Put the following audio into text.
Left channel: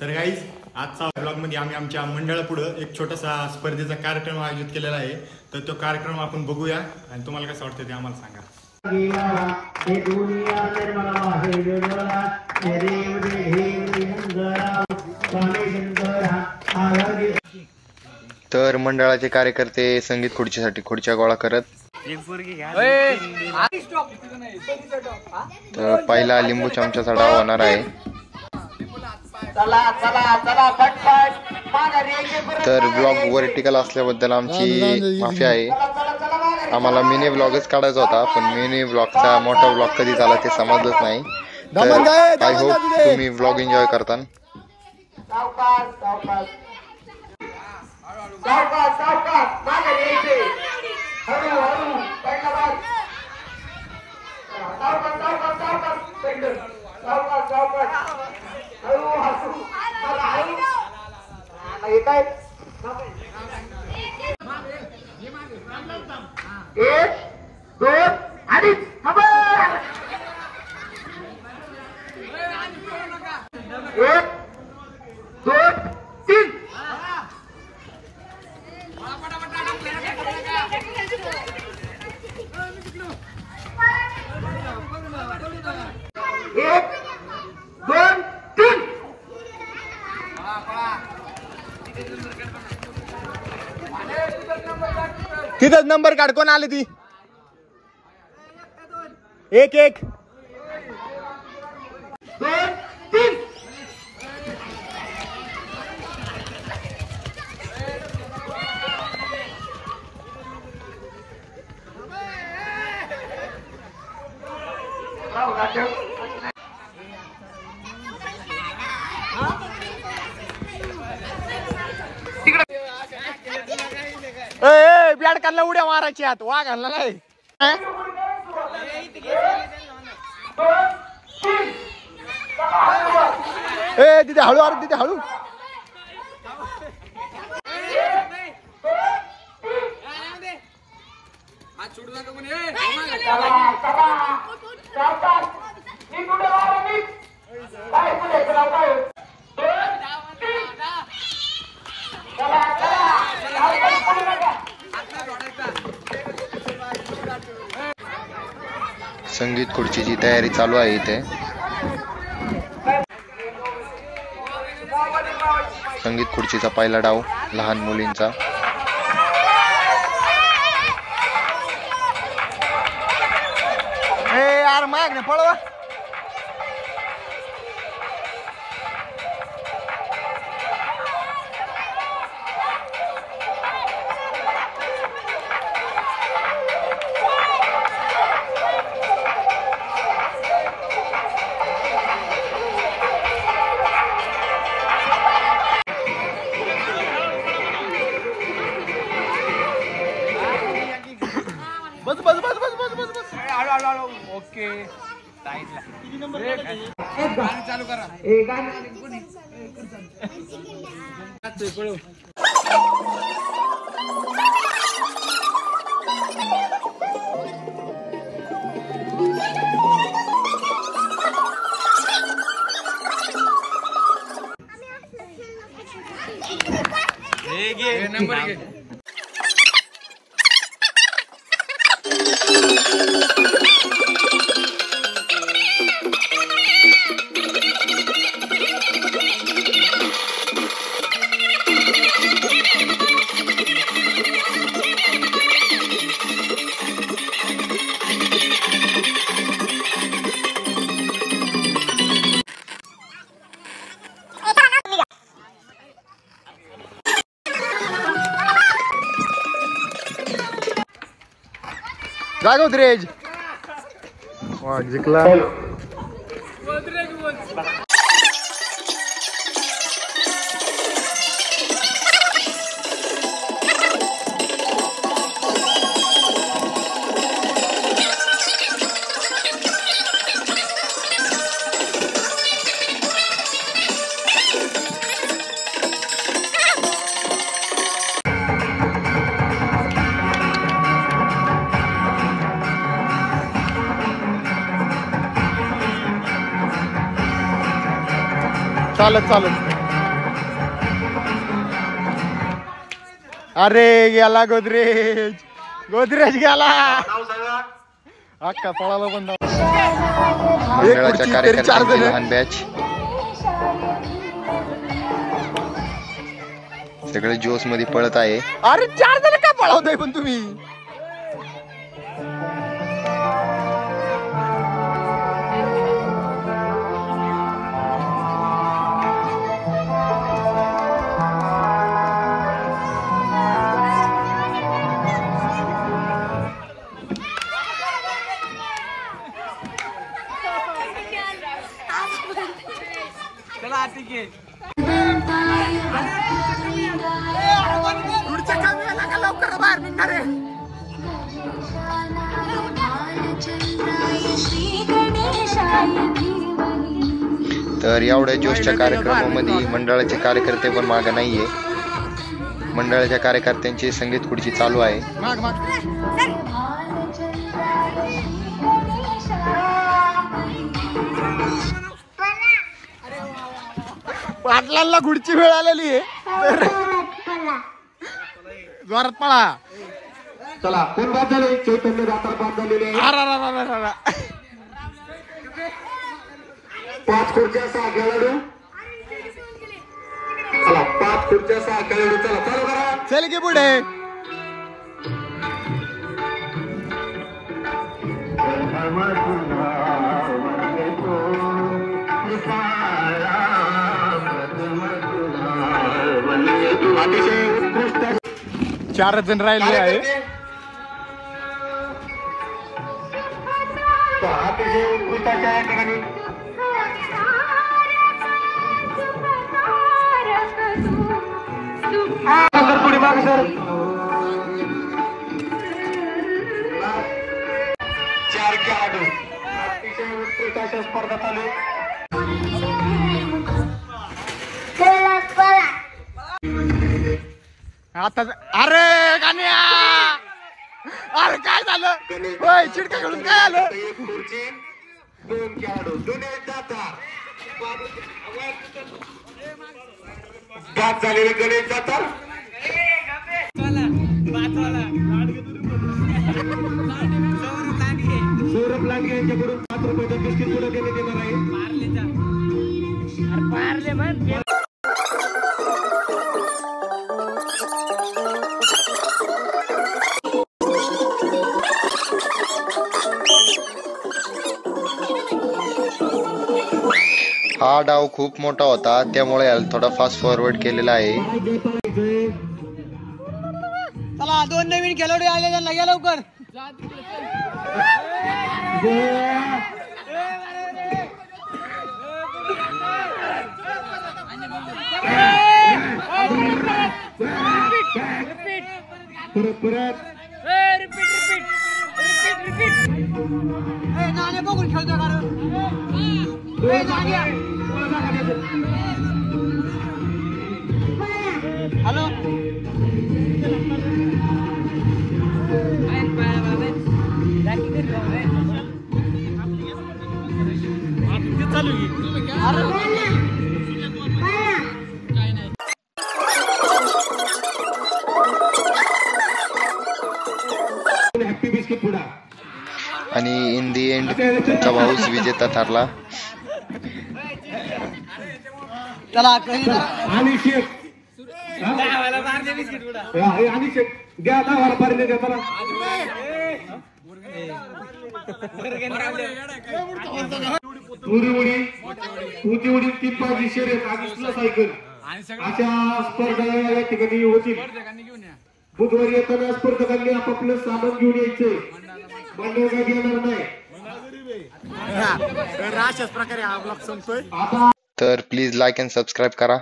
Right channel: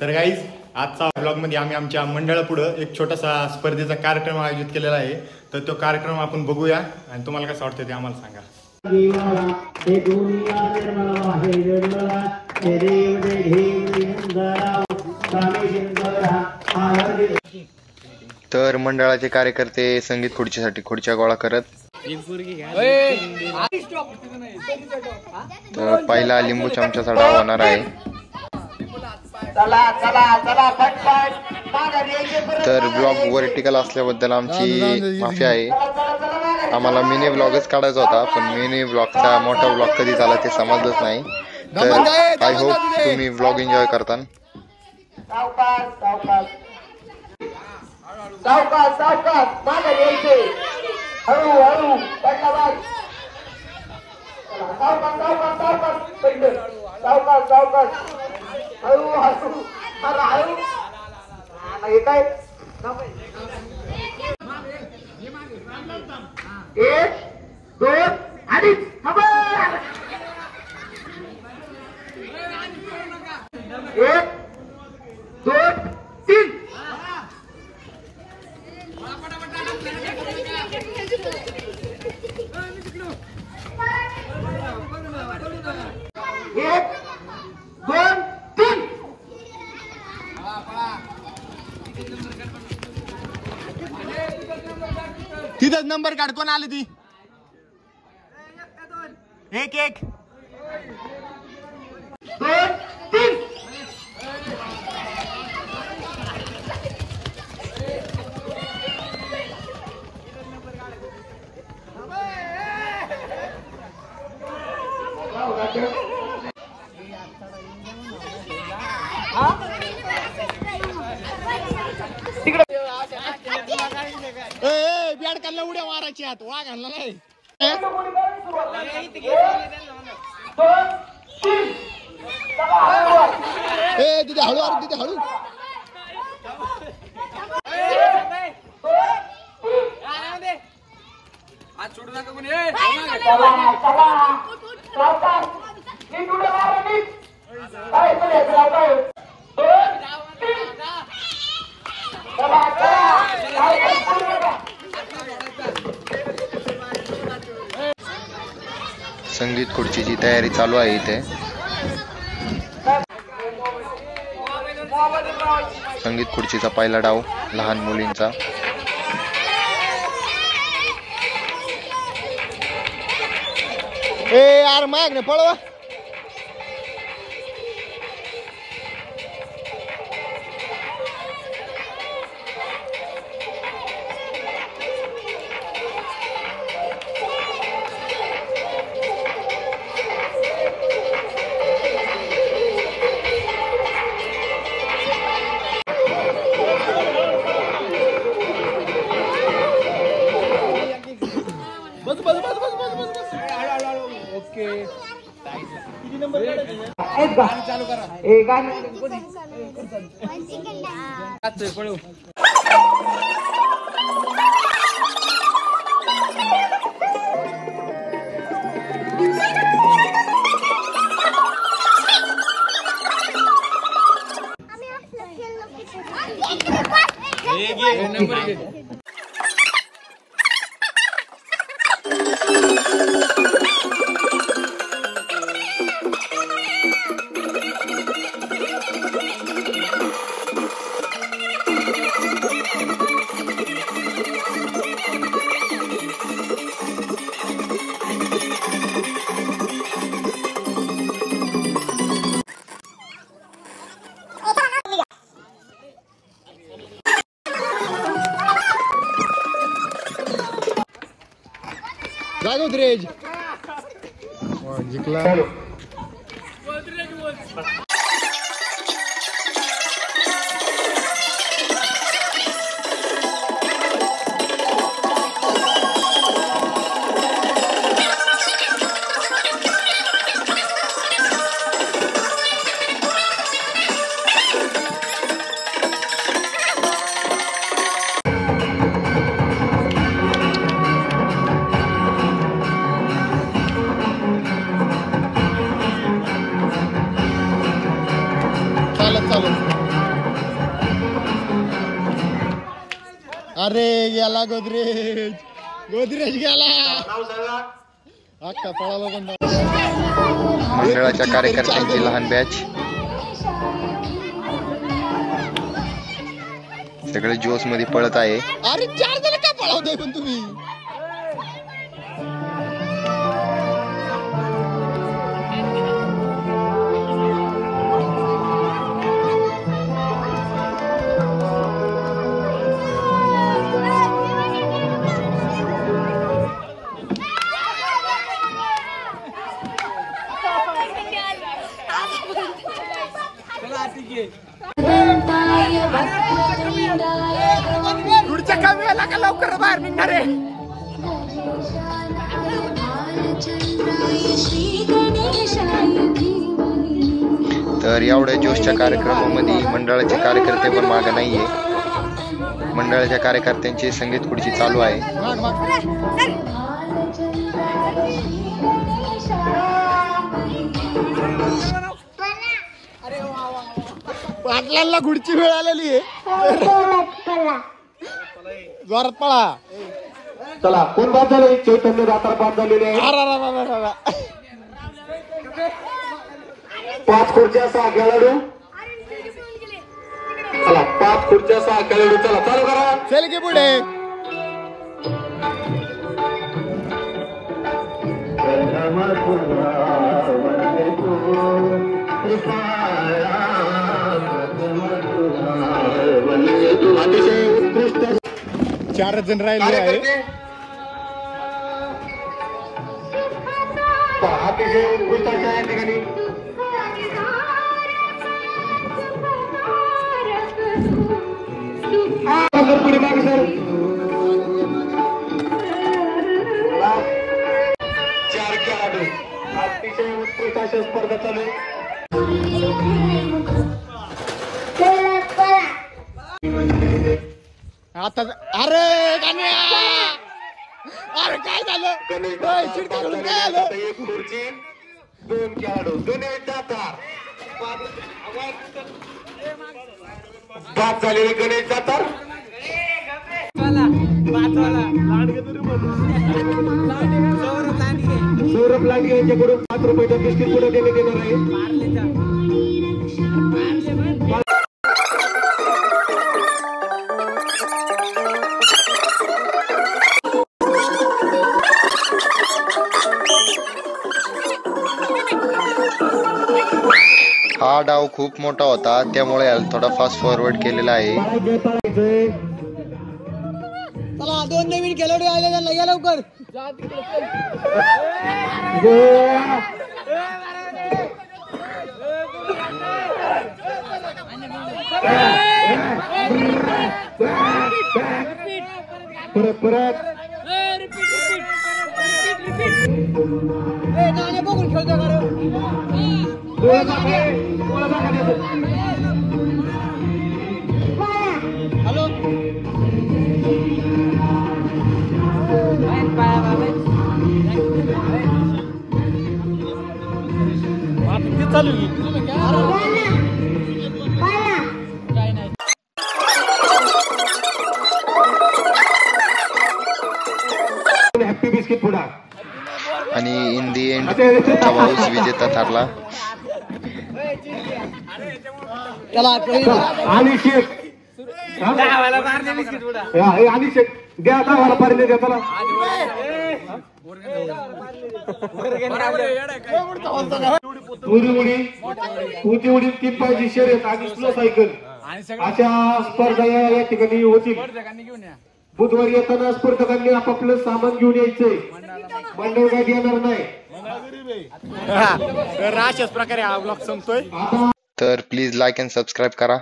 तर गाईज आजचा ब्लॉग मध्ये आम्ही आमच्या मंडळापुढे एक छोटासा स्पर्धेचा कार्यक्रम आयोजित केलेला आहे. तर तो कार्यक्रम आपण बघूया आणि तुम्हाला कसं वाटतं ते आम्हाला सांगा. तर मंडळाचे कार्यकर्ते संगीत खुर्चीसाठी खुर्च्या गोळा करत. तर पहिला लिंबू चमचाचा डाव होणार आहे. तर ब्लॉग वर्टिकल असल्याबद्दल आमची माफी आहे. आम्हाला मिनी ब्लॉगच काढायचा होता, पण मिनी ब्लॉगचा मोठा ब्लॉग कधी झाला ते समजलंच नाही. तर आय होप तुम्ही ब्लॉग एन्जॉय करता. एक दोन अडीच एक दोन तीन एक दोन तीन तिथंच नंबर काढ. कोण आली ती? एक एक दोन तीन बॅट काढला उड्या मारायची आत वाघ आणला नाही. तिथे हळू अरे तिथे हळू. संगीत खुर्चीची तयारी चालू आहे इथे. संगीत खुर्चीचा पहिला डाव लहान मुलींचा. यार माग पळवा. बस बस बस बस बस बस बस. ओके किती नंबर चालू करा. गोदरेज जिंकला. चालत चालत अरे गेला गोदरेज, गोदरेज गेला. अक्का पळाला पण. मंडळाच्या कार्यकर्त्यांची लहान बॅच सगळे जोश मध्ये पळत आहे. अरे 4 जण का पळवताय पण तुम्ही? पुढच्या कामाला का लवकर बाहेर निघणार आहे. तर एवढ्या जोशच्या कार्यक्रमामध्ये मंडळाचे कार्यकर्ते पण मागे नाहीये. मंडळाच्या कार्यकर्त्यांची संगीत खुर्ची चालू आहे. पाटलांना गुडची वेळ आलेली आहे. जोरात पळा. चला कोण बाद झाले? चैतन्य दातार बाद झालेले आहे. 5 खुर्च्या 6 खेळाडू. चला 5 खुर्च्या 6 खेळाडू. चला चालू करा. चल की पुढे. अतिशय उत्कृष्ट 4 जण राहिले आहे. अतिशय उत्कृष्ट अशा या ठिकाणी पुढे मागे सर. 4 खेळाडू. अतिशय उत्कृष्ट अशा स्पर्धा चालू. आता अरे गाण्या, अरे काय झालं? चिडका घडून काय आलं? 1 खुर्ची 2 खेळाडू. गणेश दातार बाद झालेले. गणेश दातार सौरभ लांडगे यांच्याकडून 5 रुपयाचं बिस्किट पुढे देण्यात येणार आहे. हा डाव खूप मोठा होता त्यामुळे याला थोडा फास्ट फॉरवर्ड केलेला आहे. चला 2 नवीन खेळाडू आले, त्यांना घ्या लवकर. परत बघून खेळतो का? हॅलो चालू हॅपी बिस्किट पुढा. आणि इन दी एंड तुमचा भाऊच विजेता ठरला. चला आणि शेख आणि शेख द्या आता मला पाहिजे द्या. चला उडी उडी उंची उडी 3 पायची शर्यत आणि स्लो सायकल अशा स्पर्धा या ठिकाणी होतील. बुधवारी येताना स्पर्धकांनी आपापलं सामान घेऊन यायचंय. मंडळ गाडी येणार नाही. अशाच प्रकारे हा ब्लॉग संपतोय. तर प्लीज लाईक अँड सबस्क्राईब करा.